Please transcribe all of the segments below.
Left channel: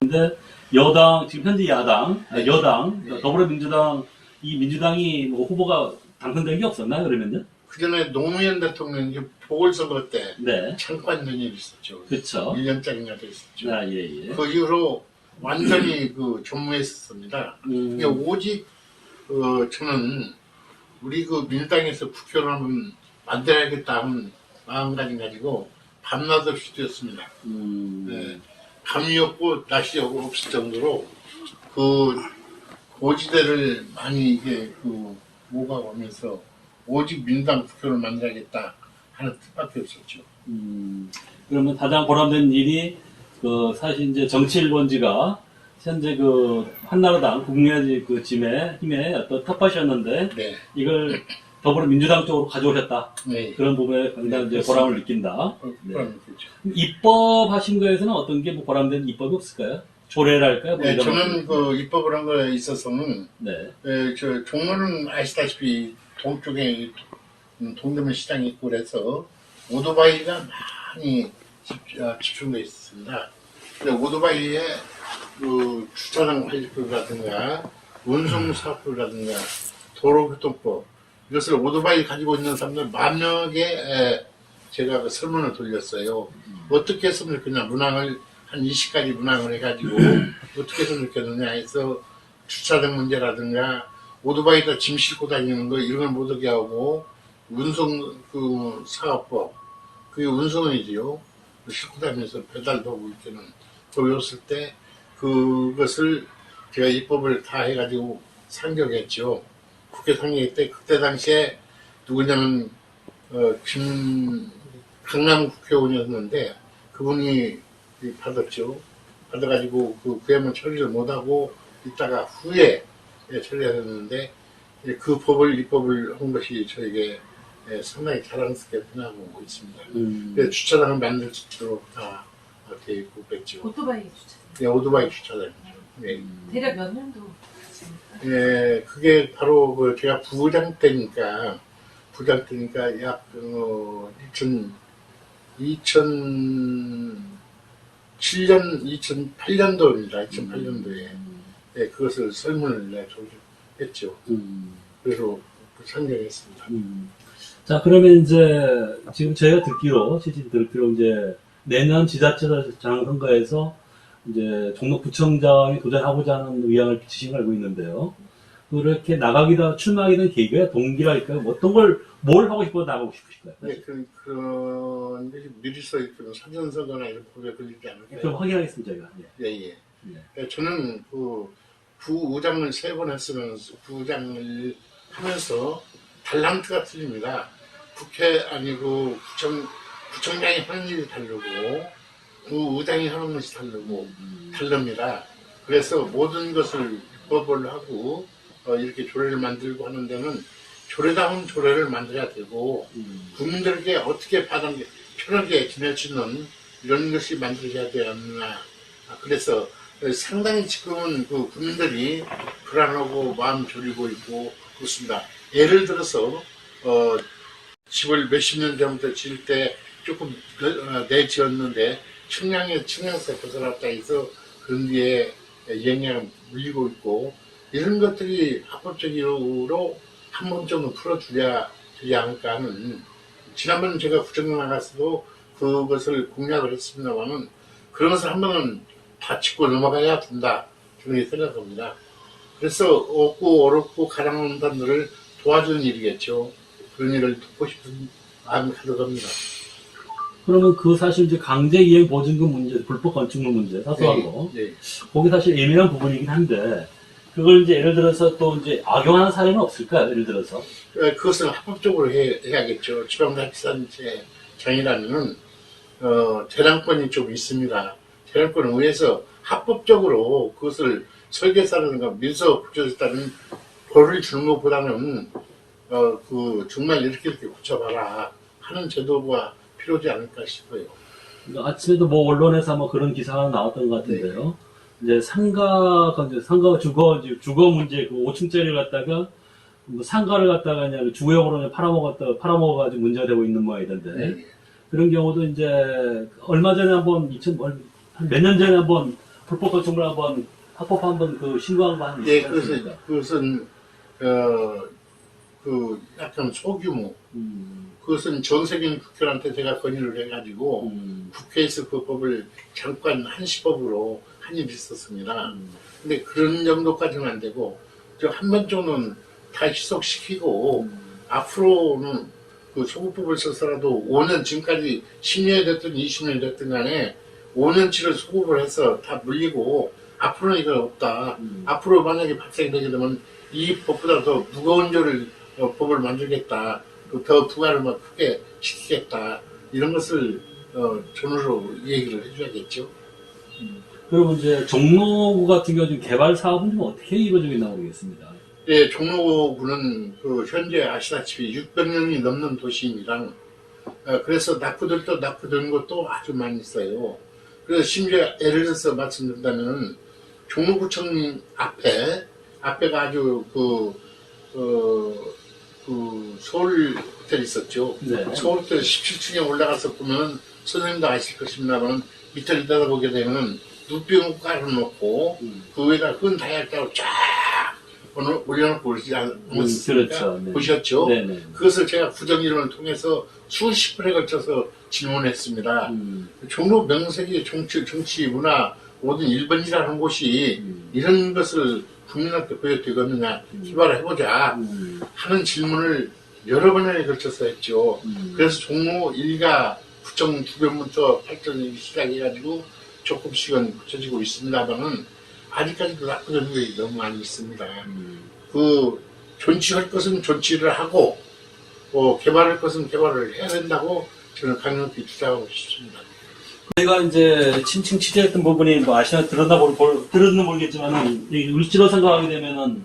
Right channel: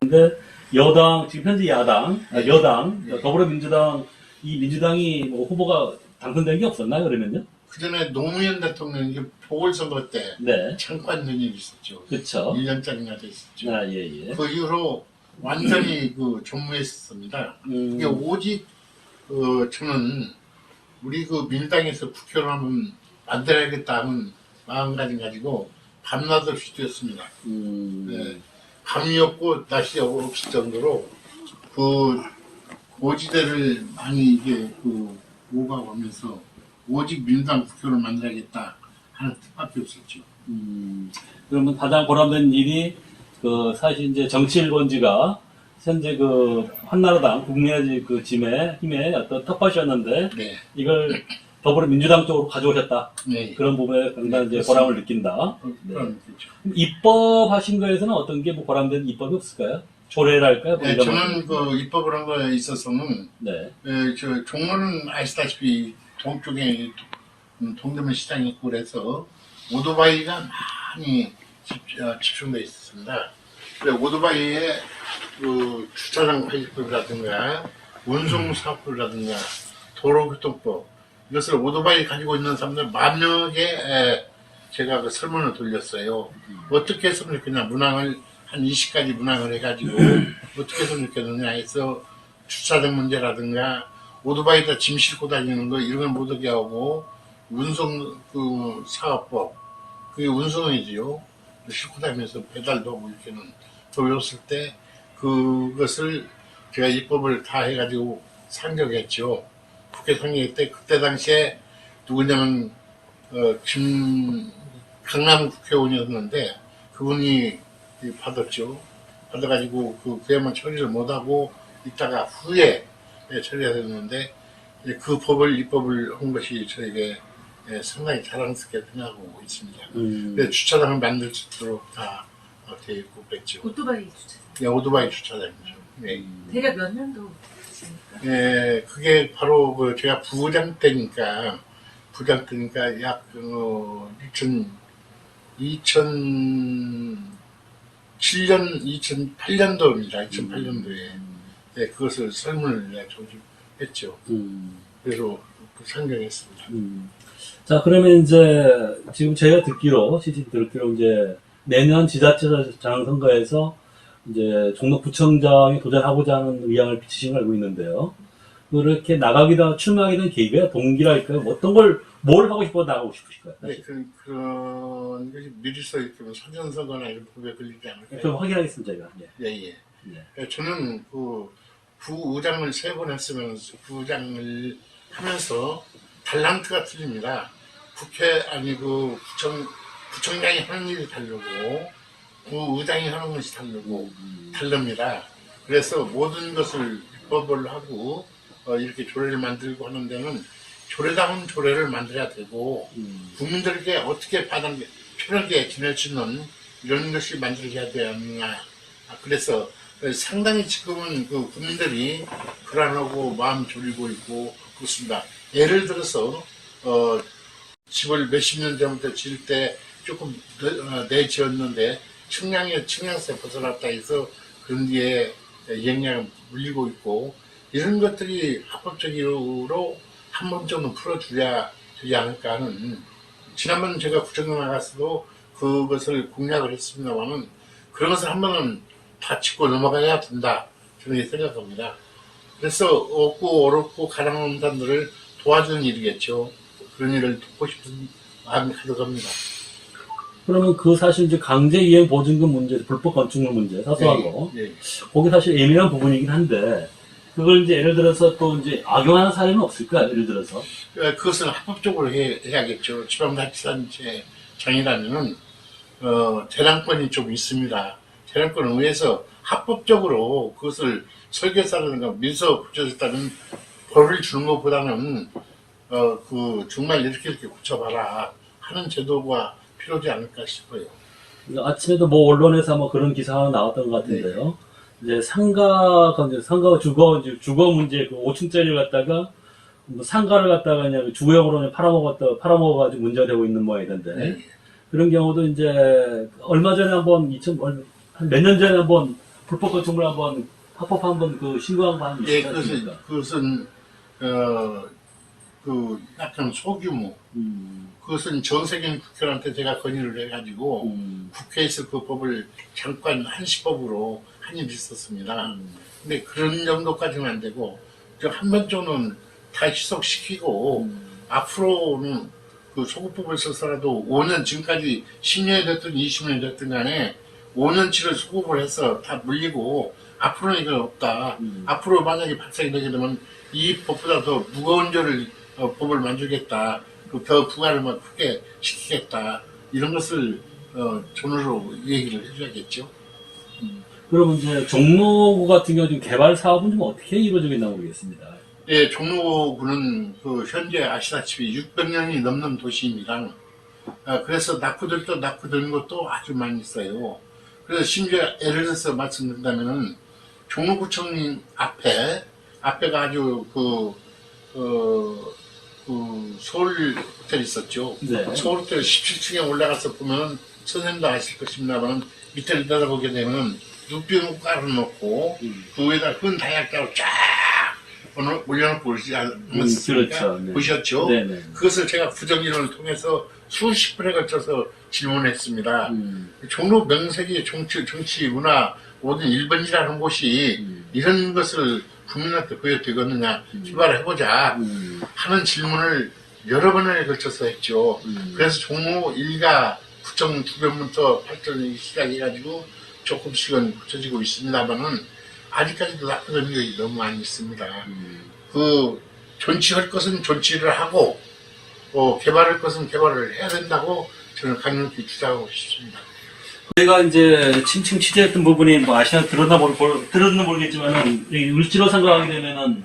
근데 여당, 지금 현재 야당, 여당, 네. 더불어민주당, 이 민주당이 뭐 후보가 당선된 게 없었나요, 그러면요? 그 전에 노무현 대통령이 보궐선거 때 네. 참관된 일이 있었죠. 그쵸. 1년짜리나 됐었죠. 아, 예, 예. 그 이후로 완전히 전무했었습니다. 이게 오직 저는 우리 민주당에서 국회를 한번 만들어야겠다 하는 마음가짐 가지고 밤낮 없이 뛰었습니다. 네. 밤이었고 날씨 없을 정도로 고지대를 많이 이게 오가면서 오직 민주당 국회를 만들어야겠다 하는 뜻밖에 없었죠. 그러면 가장 보람된 일이 사실 이제 정치1번지가 현재 한나라당 국민의 힘의 어떤 텃밭이었는데 네. 이걸 더불어민주당 쪽으로 가져오셨다. 네. 그런 부분에 상당히 이제 보람을 느낀다. 네. 그렇죠. 입법하신 거에서는 어떤 게 보람된 입법이 없을까요? 조례랄까요? 네, 저는 입법을 한 거에 있어서는 네. 저 종로는 아시다시피 동쪽에 동대문 시장이 있고 그래서 오토바이가 많이 집중되어 있었습니다. 근데 오토바이에 주차장 관리법이라든가 운송 사업법이라든가 도로교통법 이것을 오토바이 가지고 있는 사람들 만명에게 제가 설문을 돌렸어요. 어떻게 했으면 좋겠냐, 문항을 한 20가지 문항을 해가지고 어떻게 했으면 좋겠느냐 해서 주차장 문제라든가 오토바이에다 짐 싣고 다니는 거 이런 걸 못하게 하고 운송 사업법 그게 운송이지요. 싣고 다니면서 배달도 하고 이렇게는 보였을 때 그것을 제가 입법을 다 해가지고 상정했죠. 국회 상정할 때 그때 당시에 누구냐면 강남 국회의원이었는데 그분이 받았죠. 받아가지고 그야만 처리를 못하고 있다가 후에 처리해야 되는데 그 입법을 한 것이 저에게 상당히 자랑스럽게 생각하고 있습니다. 그래서 주차장을 만들 수 있도록 다 되어 있고 그랬죠. 오토바이 주차장. 네, 오토바이 주차장이죠. 네. 대략 몇 년도 하십니까? 네, 그게 바로 제가 부장 때니까 약 2008년도입니다. 2008년도에 그것을 설문을 조직했죠. 그래서 상정했습니다. 자, 그러면 이제 지금 제가 듣기로 이제 내년 지자체장 선거에서 이제 종로구청장에 도전하고자 하는 의향을 비치신 걸 알고 있는데요. 그렇게 출마하게 된 계기가 동기랄까요? 뭘 하고 싶어 나가고 싶으실까요? 네, 그런 미리서 이렇게 사전선거나 이런 법에 걸리지 않을까요? 그럼 확인하겠습니다, 저희가. 예. 예. 저는 부의장을 3번 했으면 부의장을 하면서 달란트가 틀립니다. 국회 아니고 구청장이 하는 일이 다르고 부의장이 하는 것이 다릅니다. 그래서 모든 것을 입법을 하고 이렇게 조례를 만들고 하는 데는 조례다운 조례를 만들어야 되고 국민들에게 어떻게 편하게 지낼 수 있는 이런 것이 만들어야 되느냐. 그래서 상당히 지금은 국민들이 불안하고 마음 졸이고 있고 그렇습니다. 예를 들어서 집을 몇십 년 전부터 지을 때 조금 내지었는데 측량에서 벗어났다 해서 그런 뒤에 영향을 물리고 있고 이런 것들이 합법적으로 한 번쯤은 풀어줘야 되지 않을까 하는 지난번 제가 구청장 나갔어도 그것을 공략을 했습니다만은 그런 것을 한 번은 다 짚고 넘어가야 된다 저는 생각합니다. 그래서 없고 어렵고 가난한 사람들을 도와주는 일이겠죠. 그런 일을 돕고 싶은 마음이 가득합니다. 그러면 사실 이제 강제이행 보증금 문제, 불법 건축물 문제, 사소한 거. 네. 거기 사실 예민한 부분이긴 한데, 그걸 이제 예를 들어서 또 이제 악용하는 사례는 없을까요? 예를 들어서. 그것은 합법적으로 해야겠죠. 지방자치단체장이라면은, 재량권이 좀 있습니다. 재량권을 의해서 합법적으로 그것을 설계사라든가 민서 붙여줬다는 벌을 주는 것보다는, 정말 이렇게 고쳐봐라 하는 제도가 필요하지 않을까 싶어요. 아침에도 언론에서 그런 기사 하나 나왔던 것 같은데요. 이제 상가가 주거 문제 5층짜리를 갖다가 상가를 갖다가 그냥 주거용으로 팔아먹어가지고 문제가 되고 있는 모양이던데. 그런 경우도 이제 얼마 전에 한 몇 년 전에 한번 불법 건축물 한번 합법 한번 그 신고한 거 한번 예, 있지 않습니까? 그것은 그 약간 소규모. 그것은 정세균 국회의원한테 제가 건의를 해가지고 국회에서 그 법을 잠깐 한시법으로 한입했었습니다. 근데 그런 정도까지는 안 되고 한 번 정도는 다 희석시키고 앞으로는 그 소급법을 써서라도 5년 지금까지 10년이 됐든 20년이 됐든 간에 5년치를 소급을 해서 다 물리고 앞으로는 이건 없다. 앞으로 만약에 발생이 되게 되면 이 법보다 더 무거운 죄를 법을 만들겠다. 더 부과를 막 크게 시키겠다. 이런 것을 전으로 얘기를 해줘야겠죠. 그러면 이제 종로구 같은 경우 지금 개발 사업은 좀 어떻게 이루어지고 있나 모르겠습니다. 예, 종로구는 그 현재 아시다시피 600년이 넘는 도시입니다. 그래서 낙후들도 낙후된 것도 아주 많이 있어요. 그래서 심지어 예를 들어서 말씀드린다면은 종로구청 앞에가 아주 서울 호텔 있었죠. 네. 서울 호텔 17층에 올라가서 보면 선생님도 아실 것입니다만 밑을 내려보게 되면 누빙을 깔아놓고 그 위에다 큰 다이아까지 쫙 올려놓고 오지 않았습니까? 그렇죠. 네. 보셨죠? 네네. 그것을 제가 부정이론을 통해서 수십 번에 걸쳐서 질문했습니다. 종로 명색이 정치, 문화 모든 1번지라는 곳이 이런 것을 국민한테 보여드리겠느냐 개발해보자 하는 질문을 여러 번에 걸쳐서 했죠. 그래서 종로 1가 구청 주변부터 발전이 시작해가지고 조금씩은 굳혀지고 있습니다만은 아직까지도 나쁜 점이 너무 많이 있습니다. 그 존치할 것은 존치를 하고 개발할 것은 개발을 해야 된다고 저는 강력히 주장하고 싶습니다. 제가 이제 침층 취재했던 부분이 뭐 아시나 들었는 모르겠지만은 여기 을지로 생각하게 되면은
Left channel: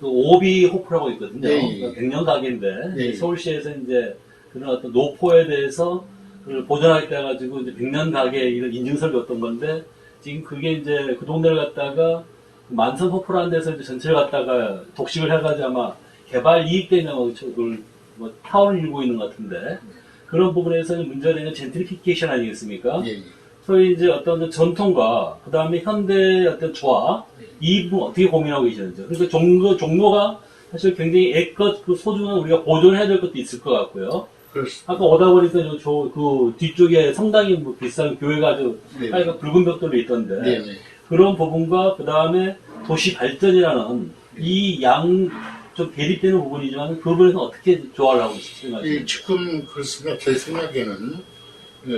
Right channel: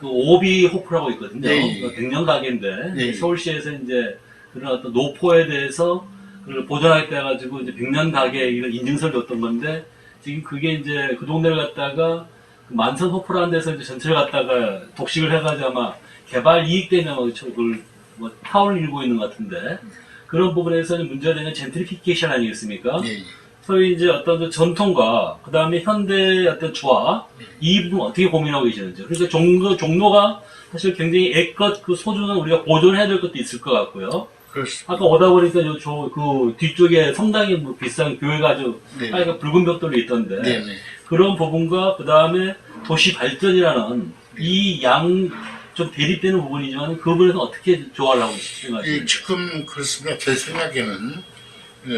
그 오비 호프라고 있거든요. 네. 그 100년 가게인데 네. 서울시에서 이제 그런 어떤 노포에 대해서 그걸 보존하겠다 해가지고 이제 100년 가게 이런 인증서를 줬던 건데 지금 그게 이제 그 동네를 갖다가 만선 호프라는 데서 이제 전체를 갖다가 독식을 해가지고 아마 개발 이익 때문에 그걸 뭐 타워를 일고 있는 것 같은데 그런 부분에서는 문제가 되는 젠트리피케이션 아니겠습니까? 예, 예. 소위 이제 어떤 전통과 그 다음에 현대의 어떤 조화 이 부분 어떻게 고민하고 계시는지. 그래서 종로가 사실 굉장히 애껏 그 소중한 우리가 보존해야 될 것도 있을 것 같고요. 그렇습니다. 아까 오다 보니까 그 뒤쪽에 성당이 뭐 비싼 교회가 아주 네. 하여간 붉은 벽돌로 있던데 네, 네. 그런 부분과 그 다음에 도시 발전이라는 이 양 좀 대립되는 부분이지만 그 부분에서 어떻게 조화를 하고 있으신가요? 지금 그렇습니다. 제 생각에는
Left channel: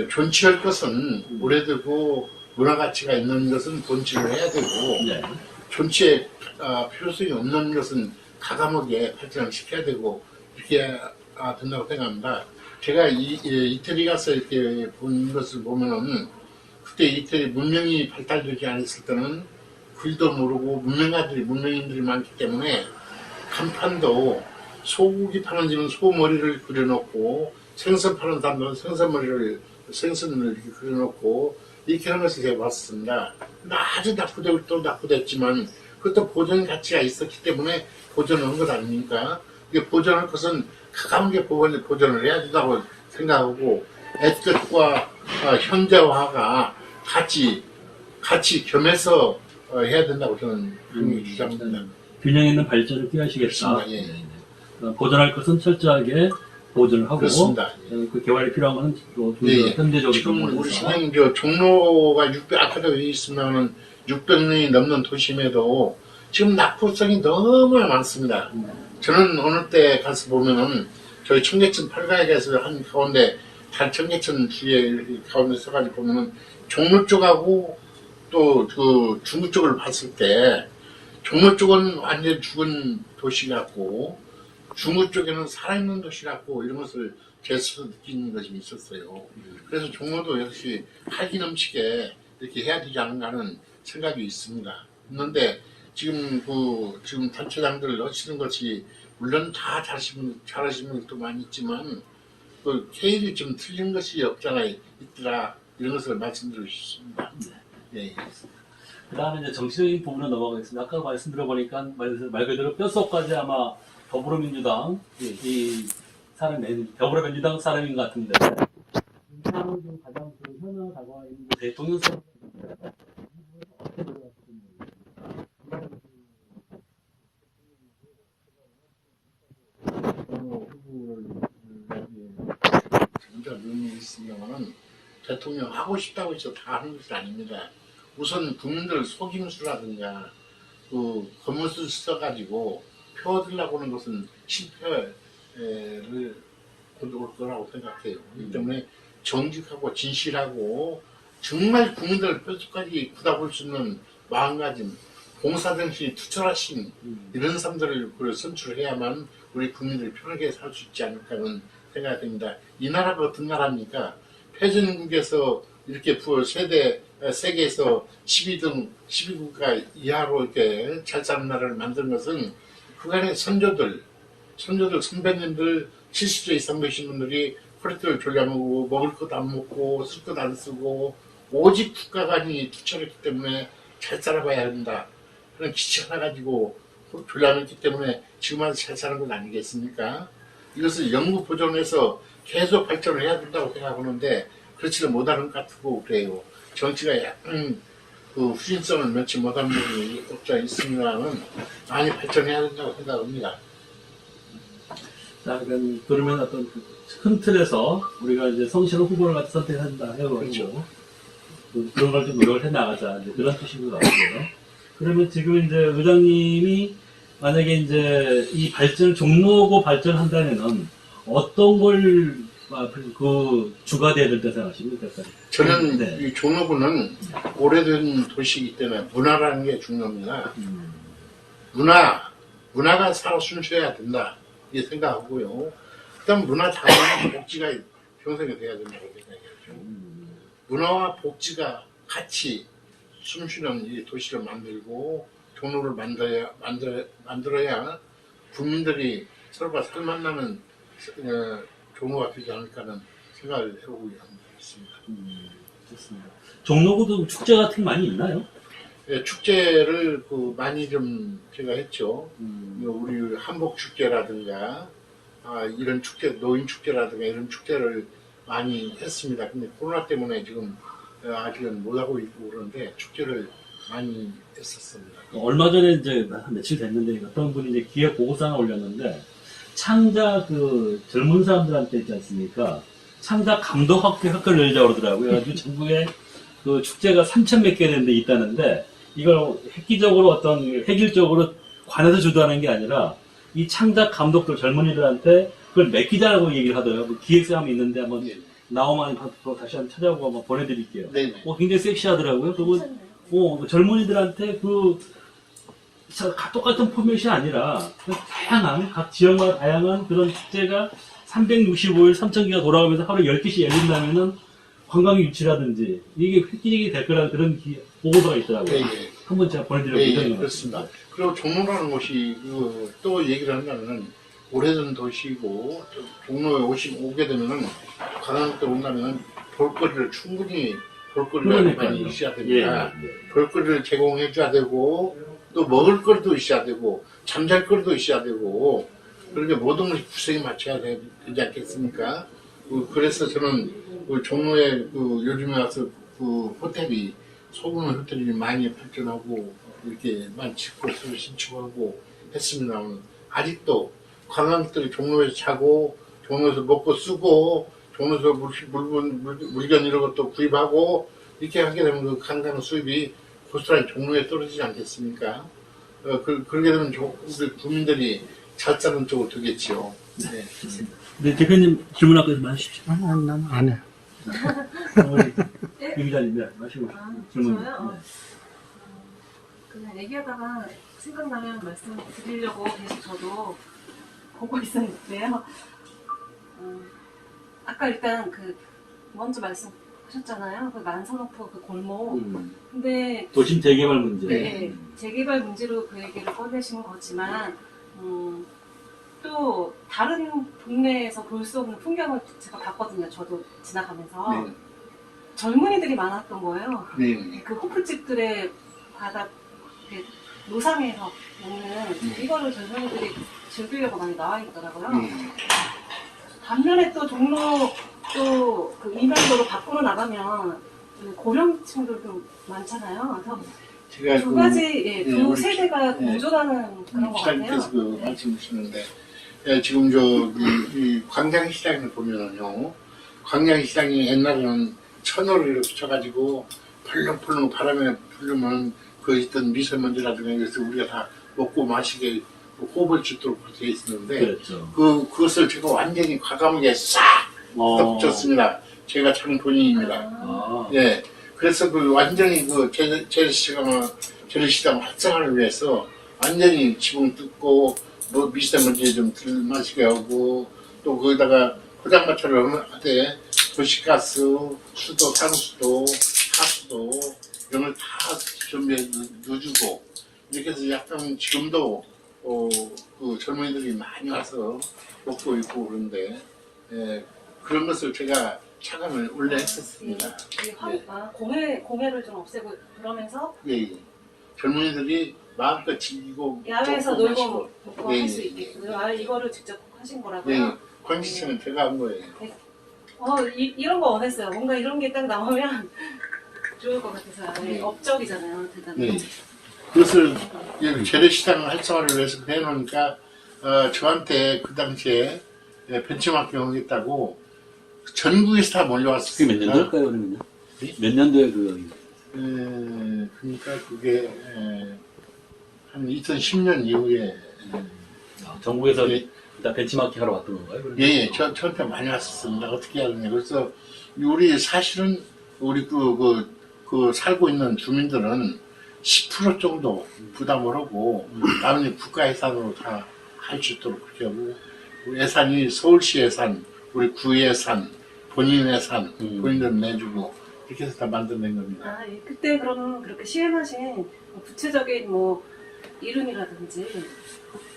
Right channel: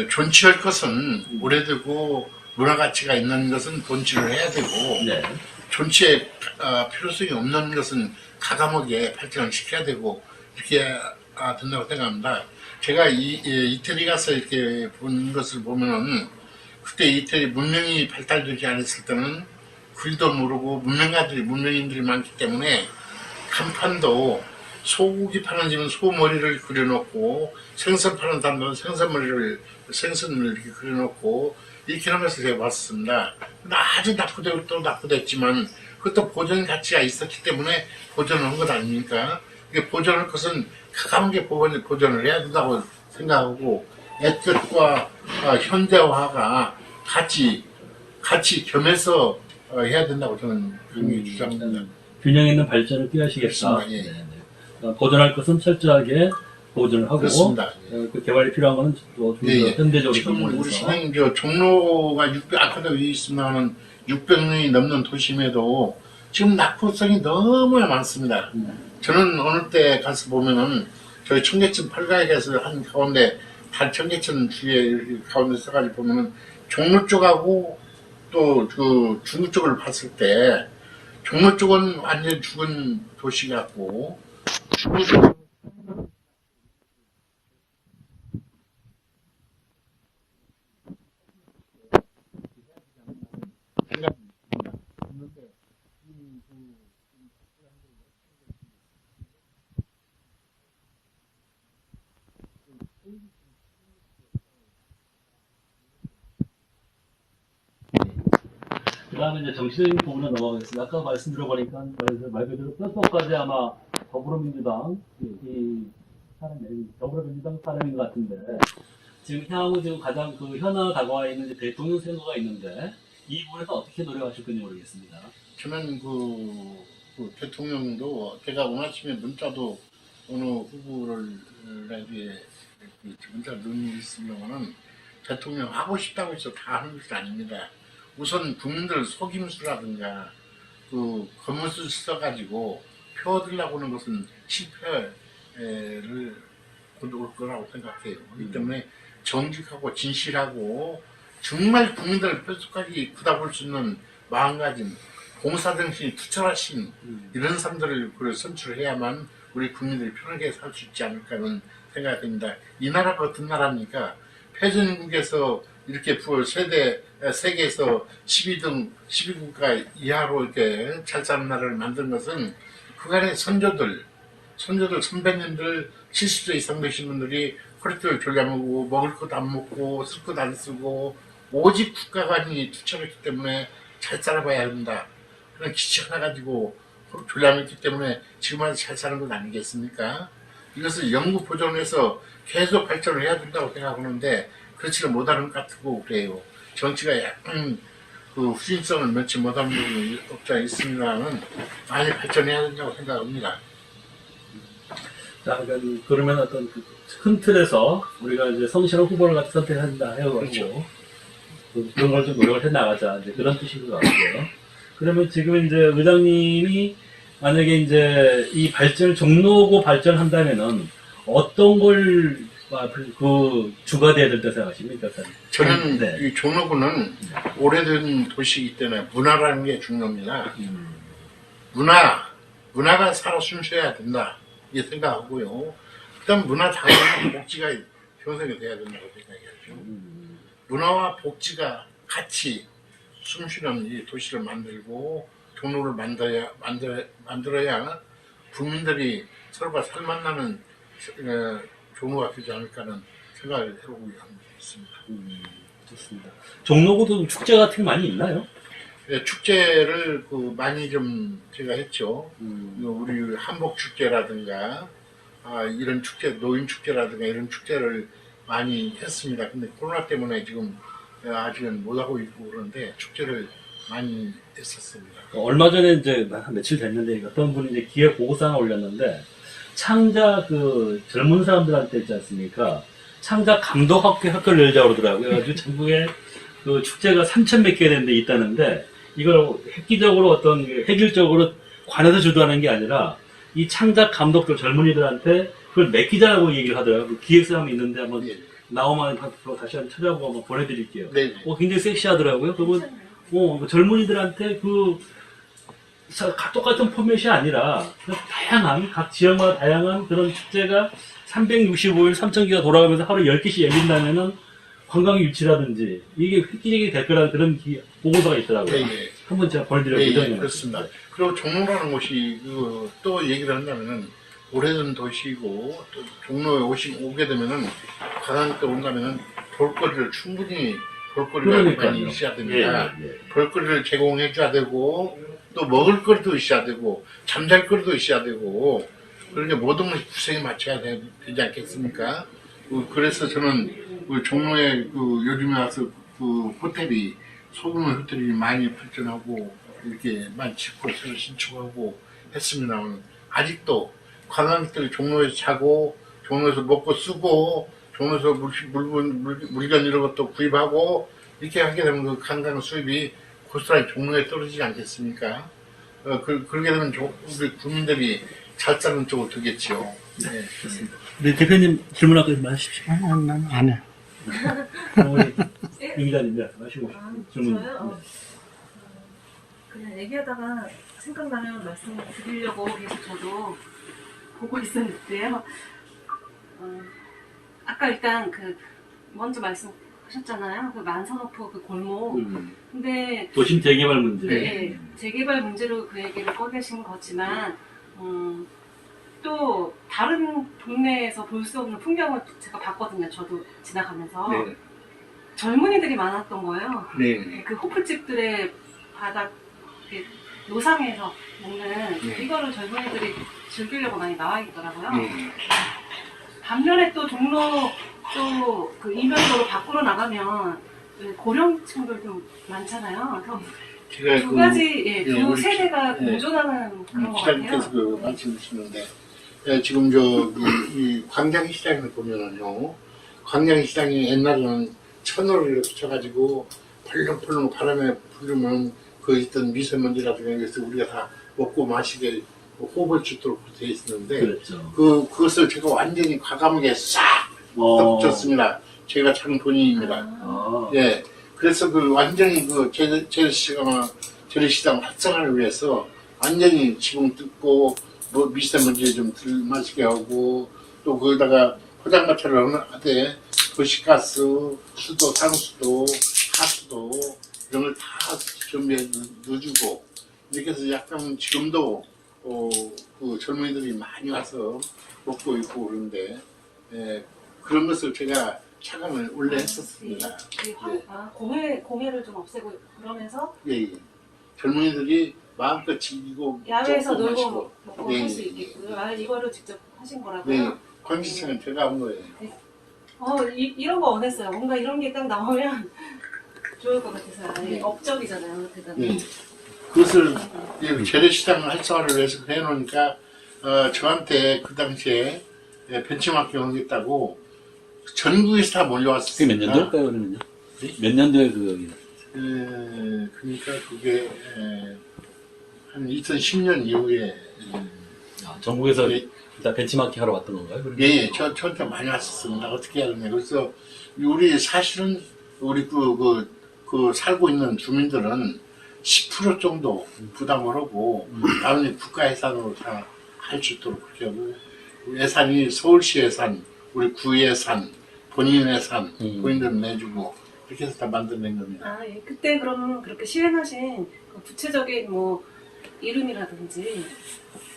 존치할 것은 오래되고 문화 가치가 있는 것은 존치를 해야 되고 네. 존치에 필요성이 없는 것은 가감하게 발전을 시켜야 되고 이렇게 된다고 생각합니다. 제가 이태리 가서 이렇게 본 것을 보면은 그때 이태리 문명이 발달되지 않았을 때는 글도 모르고 문명인들이 많기 때문에 간판도 소고기 파는 집은 소머리를 그려놓고 생선 파는 사람은 생선을 이렇게 그려놓고 이렇게 하는 것을 제가 봤습니다. 근데 아주 낙후되고 또 낙후됐지만 그것도 보존 가치가 있었기 때문에 보존한 것 아닙니까? 보존할 것은 가감하게 보존을 해야 된다고 생각하고 옛것과 현대화가 같이 겸해서 해야 된다고 저는 그렇게 주장합니다. 균형 있는 발전을 꾀하시겠다. 그렇습니다. 예. 보존할 것은 철저하게 보존을 하고 그렇습니다. 그 개발이 필요한 것은 또 예. 현대적으로 지금 우리 부분에서. 시장님 종로가 아까도 얘기했습니다만 600년이 넘는 도심에도 지금 낙후성이 너무 많습니다. 저는 어느 때 가서 보면은 저희 청계천 8가에 가서 한 가운데 청계천 주위에 가운데 서가지고 보면은 종로 쪽하고 또 그 중구 쪽을 봤을 때 종로 쪽은 완전 죽은 도시 같고 중구 쪽에는 살아있는 도시 같고 이런 것을 제 스스로 느끼는 것이 있었어요. 그래서 종로도 역시 활기 넘치게 이렇게 해야 되지 않는가 하는 생각이 있습니다. 있는데 지금 지금 단체장들 하시는 것이 물론 다 잘하시는 분도 많이 있지만 그 케일이 좀 틀린 것이 없잖아 있더라 이런 것을 말씀드리고 싶습니다. 네. 그다음에 이제 정치적인 부분으로 넘어가겠습니다. 아까 말씀드려보니까 말 그대로 뼛속까지 아마 더불어민주당 더불어민주당 사람인 것 같은데 지금 향후 지금 가장 그 현안 다가와 있는 대통령 선거가 있는데 이 부분에서 어떻게 노력하실 건지 모르겠습니다. 저는 그 대통령도 제가 원하시면 문자도 어느 후보를 나중에 문자 의미 있습니다만은 대통령 하고 싶다고 해서 다 하는 것이 아닙니다. 우선 국민들 속임수라든가 그 겉멋을 써가지고 표 얻으려고 하는 것은 실패를 올 거라고 생각해요. 이 때문에 정직하고 진실하고 정말 국민들 뼛속까지 굳어볼 수 있는 마음가짐, 공사정신이 투철하신 이런 사람들을 선출해야만 우리 국민들이 편하게 살 수 있지 않을까 하는 생각이 듭니다. 이 나라가 어떤 나라입니까? 패전국에서 이렇게 세계에서 12등, 12국가 이하로 이렇게 잘 사는 나라를 만든 것은 그간의 선조들, 선배님들 70세 이상 되신 분들이 허리띠를 졸라매고 먹을 것 안 먹고 쓸 것 안 쓰고 오직 국가관이 투철했기 때문에 잘 살아봐야 한다. 그런 기치 하나 가지고 졸라맸기 때문에 지금 아주 잘 사는 건 아니겠습니까? 이것을 영구 보존해서 계속 발전을 해야 된다고 생각하는데 그렇지는 못하는 것 같고 그래요. 정치가 약간 그 후진성을 면치 못하는 부분이 없지 있으면 많이 발전해야 된다고 생각합니다. 자, 그러면 어떤 큰 틀에서 우리가 이제 성실한 후보를 같이 선택한다 해가지고 그렇죠. 그런 걸 좀 노력을 해 나가자 이제 그런 뜻인 것 같고요. 그러면 지금 이제 의장님이 만약에 이제 이 발전을 종로구 발전한다면은 어떤 걸 그 주가 돼야 될 때 생각하십니까? 저는 네. 이 종로구는 오래된 도시이기 때문에 문화라는 게 중요합니다. 문화가 살아 숨쉬어야 된다 이 생각하고요. 그다음 문화 다양한 복지가 형성이 돼야 된다고 생각해요. 문화와 복지가 같이 숨쉬는 이 도시를 만들고 종로를 만들어야 국민들이 서로가 살만나는 종로가 되지 않을까 하는 생각을 해보고 있습니다. 좋습니다. 종로구도 축제 같은 게 많이 있나요? 예, 축제를 많이 좀 제가 했죠. 우리 한복 축제라든가 이런 축제, 노인 축제라든가 이런 축제를 많이 했습니다. 근데 코로나 때문에 지금 아직은 못 하고 있고 그런데 축제를 많이 했었습니다. 얼마 전에 이제 한 며칠 됐는데 어떤 분이 이제 기획 보고서 하나 올렸는데 창작 그 젊은 사람들한테 있지 않습니까? 창작 감독학교를 열자고 그러더라고요. 그래가지고 전국에 그 축제가 3,000 몇 개 되는 데 있다는데 이걸 획기적으로 어떤 획일적으로 관에서 주도하는 게 아니라 이 창작 감독들 젊은이들한테 그걸 맡기자라고 얘기를 하더라고요. 그 기획사람이 있는데 한번 예. 나오면 다시 한번 찾아보고 한번 보내드릴게요. 네. 굉장히 섹시하더라고요. 그러면 그 젊은이들한테 똑같은 포맷이 아니라 다양한 각 지역마다 다양한 그런 축제가 365일 3,000개가 돌아가면서 하루 10개씩 열린다면은 관광 유치라든지 이게 획기적이 될 거라는 그런 보고서가 있더라고요. 예. 한번 제가 보내드릴 예, 예정입니다. 그렇습니다. 그리고 종로라는 곳이 또 얘기를 한다면은 오래된 도시고 또 종로에 오게 되면은 관광 때 온다면은 충분히 볼거리가 많이 있어야 됩니다. 볼거리를 제공해 줘야 되고 또 먹을 거리도 있어야 되고 잠잘 거리도 있어야 되고 그렇게 모든 것이 구성에 맞춰야 되지 않겠습니까? 그래서 저는 종로에 요즘에 와서 호텔이 소규모 호텔이 많이 발전하고 이렇게 많이 짓고 새로 신축하고 했습니다만 아직도 관광객들이 종로에서 자고 종로에서 먹고 쓰고 종로에서 물건 이런 것도 구입하고 이렇게 하게 되면 그 관광 수입이 고스란히 종로에 떨어지지 않겠습니까? 그렇게 되면 우리 국민들이 잘 사는 쪽으로 되겠지요. 네, 그렇습니다. 우리 대표님 질문하고 말하십시오. 아니, 난 안 해. 우리 임 기자님, 마시고 질문. 저요? 그냥 얘기하다가 생각나면 말씀드리려고 계속 저도 보고 있었는데요. 아까 일단 먼저 말씀하셨잖아요. 그 만선호프 그 골목. 근데 도심 재개발 문제. 네, 재개발 문제로 그 얘기를 꺼내신 거지만 또 다른 동네에서 볼 수 없는 풍경을 제가 봤거든요. 저도 지나가면서 네. 젊은이들이 많았던 거예요. 네. 그 호프집들의 바닥 노상에서 먹는 이거를 젊은이들이 즐기려고 많이 나와 있더라고요. 반면에 또 종로 또 그 이면도로 밖으로 나가면 고령층들도 많잖아요. 그럼 제가 두 가지, 예, 두 우리 세대가 예, 공존하는 그런 것 기자님께서 같아요. 그 말씀 주시는데 예, 지금 이 광장시장을 보면은요, 광장시장이 옛날에는 천으로 이렇게 쳐가지고 펄렁펄렁 바람에 불르면 그 있던 미세먼지라든가 이것을 우리가 다 먹고 마시게 호흡을 주도록 돼 있었는데 그랬죠. 그것을 제가 완전히 과감하게 싹 덮쳤습니다. 제가 참 본인입니다. 아, 예, 그래서 그 완전히 그 재래시장 활성화를 위해서 완전히 지붕 뜯고 뭐 미세먼지 좀 덜 마시게 하고 또 거기다가 포장마차를 하되 도시가스, 수도, 상수도, 하수도 이런 걸 다 준비해 넣어주고 이렇게 해서 약간 지금도 그 젊은이들이 많이 와서 먹고 있고 그런데 예, 그런 것을 제가 차감을 원래 했었습니다. 공해를 좀 없애고 그러면서 예, 예. 젊은이들이 마음껏 즐기고 야외에서 먹고 놀고 마시고. 먹고 예, 할 수 예, 있게끔. 예. 아, 이거를 직접 하신 거라고요? 네, 광시청은 제가 한 거예요. 이런 거 원했어요. 뭔가 이런 게 딱 나오면 좋을 것 같아서. 네. 업적이잖아요, 대단히. 네. 그것을 재래시장 활성화를 위해서 해놓으니까 저한테 그 당시에 벤치마킹 하겠다고 전국에서 다 그게 몰려왔습니다. 몇 년도일까요, 그러면요? 몇 년도에 그, 그러니까 그게 한 2010년 이후에 전국에서 예. 일단 벤치마킹 하러 왔던 건가요? 그러면? 예, 저한테 많이 왔었습니다. 어떻게 하느냐. 그래서 우리 사실은 우리 그 살고 있는 주민들은 10% 정도 부담을 하고 나머지 국가 예산으로 다 할 수 있도록 그렇게 하고 예산이 서울시 예산, 우리 구 예산, 본인 예산, 본인들 내주고 이렇게 해서 다 만들어낸 겁니다. 아, 예. 그때 그럼 그렇게 시행하신 그 구체적인 뭐 이름이라든지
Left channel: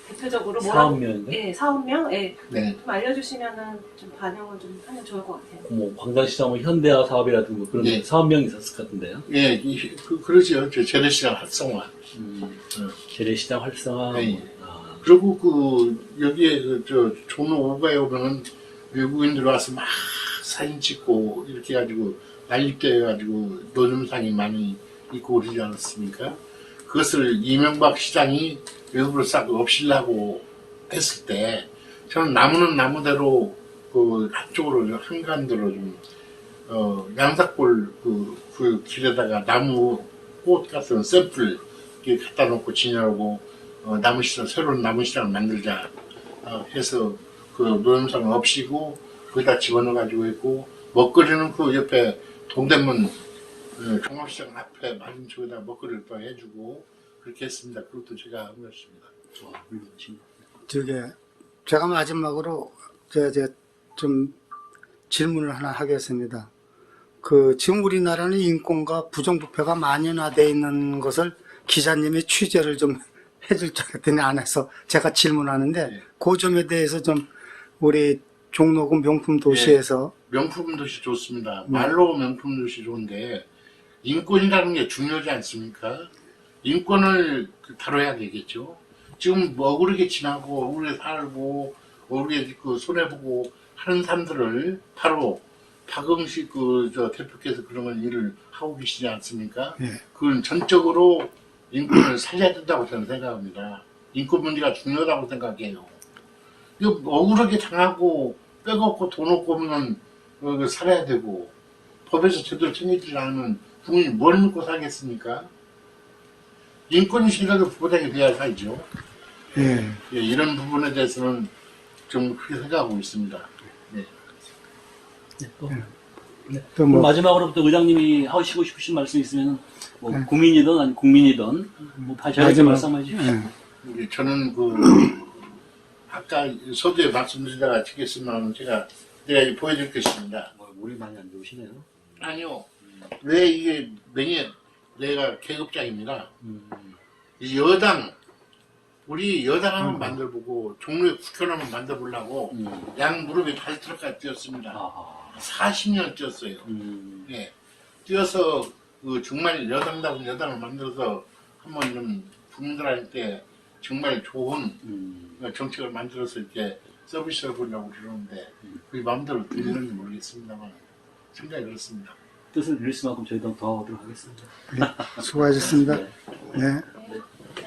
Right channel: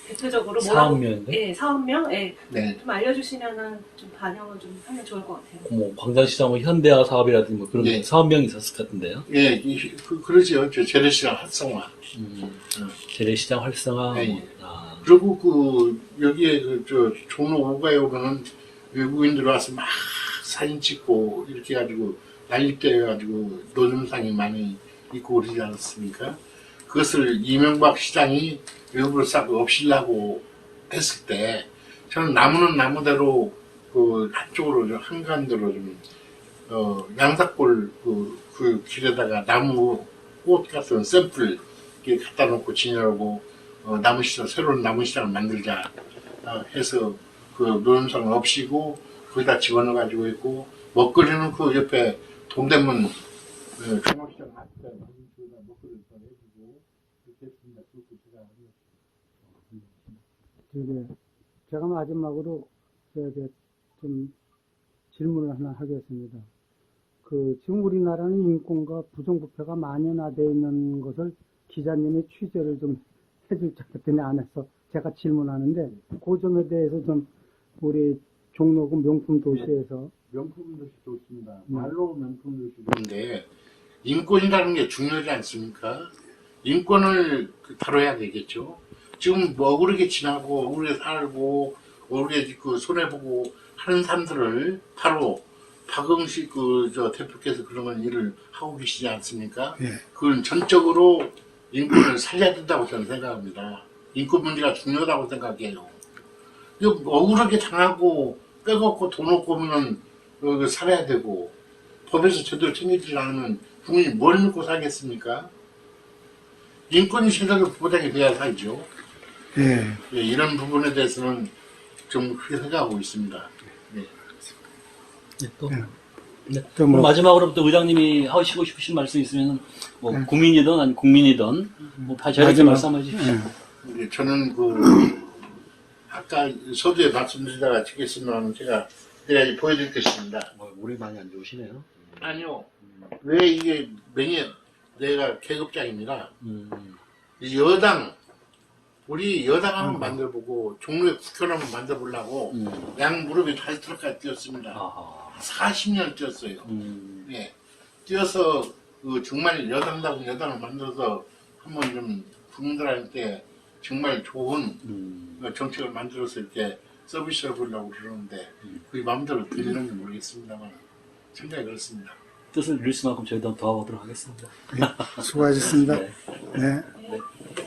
대표적으로 사업명인데? 예, 사업명? 예. 네. 좀 알려주시면은 좀 반영을 좀 하면 좋을 것 같아요. 뭐 광장시장 뭐 현대화 사업이라든지 뭐 그런 네. 사업명이 있었을 것 같은데요. 예, 그러죠. 재래시장 활성화. 재래시장 활성화. 네. 뭐, 그리고 여기에 종로 5가에 오면 외국인들 와서 막 사진 찍고 이렇게 해가지고 난립대 해가지고 노점상이 많이 있고 그러지 않았습니까? 그것을 이명박 시장이 외국을 싹 없애려고 했을 때 저는 나무는 나무대로 그 한쪽으로 한가운데로 좀 양사골 그 길에다가 나무 꽃 같은 샘플 이렇게 갖다 놓고 지내라고 나무 시장 새로운 나무 시장을 만들자 해서 그 노점상을 없이고 거기다 집어넣어 가지고 있고 먹거리는 그 옆에 동대문 종합시장 앞에 많은 쪽에다 먹거리를 또 해주고 그렇게 했습니다. 그것도 제가 한 것입니다. 제가 마지막으로 좀 질문을 하나 하겠습니다. 지금 우리나라는 인권과 부정부패가 만연화되어 있는 것을 기자님이 취재를 좀 해줄 줄 알았더니 안 해서 제가 질문하는데 네. 그 점에 대해서 좀 우리 종로구 명품 도시에서 명품 도시 좋습니다. 말로 명품 도시 좋은데 인권이라는 게 중요하지 않습니까? 인권을 다뤄야 되겠죠. 지금 뭐 억울하게 지나고 억울하게 살고 억울하게 손해보고 하는 사람들을 바로 박응식 대표께서 그런 건 일을 하고 계시지 않습니까? 예. 그건 전적으로 인권을 살려야 된다고 저는 생각합니다. 인권 문제가 중요하다고 생각해요. 이거 억울하게 당하고 빼먹고 돈 없고 하면 살아야 되고 법에서 제대로 챙기지 않으면 국민이 뭘 믿고 살겠습니까? 인권이 제대로 보장이 돼야 살죠. 예. 예, 이런 부분에 대해서는 좀 그렇게 생각하고 있습니다. 예. 네, 또. 네. 네. 또 그럼 뭐- 마지막으로 또 의장님이 하시고 싶으신 말씀 있으면 뭐 국민이든 아니 국민이든 뭐 자유롭게 마지막- 말씀해 주십시오. 예, 저는 아까 서두에 말씀드리다가 찍겠으면 제가 이제 보여드릴 것입니다. 물이 많이 안 좋으시네요. 아니요. 왜 이게 내가 계급장입니다. 이 우리 여당 한번 만들어보고 종로에 국회의원 한번 만들어보려고 양 무릎이 닳도록까지 뛰었습니다. 아하. 40년 뛰었어요. 예. 뛰어서 정말 여당다운 여당을 만들어서 한번 좀 국민들한테 정말 좋은 정책을 만들어서 이렇게 서비스를 보려고 그러는데 그게 마음대로 되는지 모르겠습니다만 생각이 그렇습니다. 뜻을 이룰 수만큼 저희도 도와보도록 하겠습니다. 수고하셨습니다. 네. 네.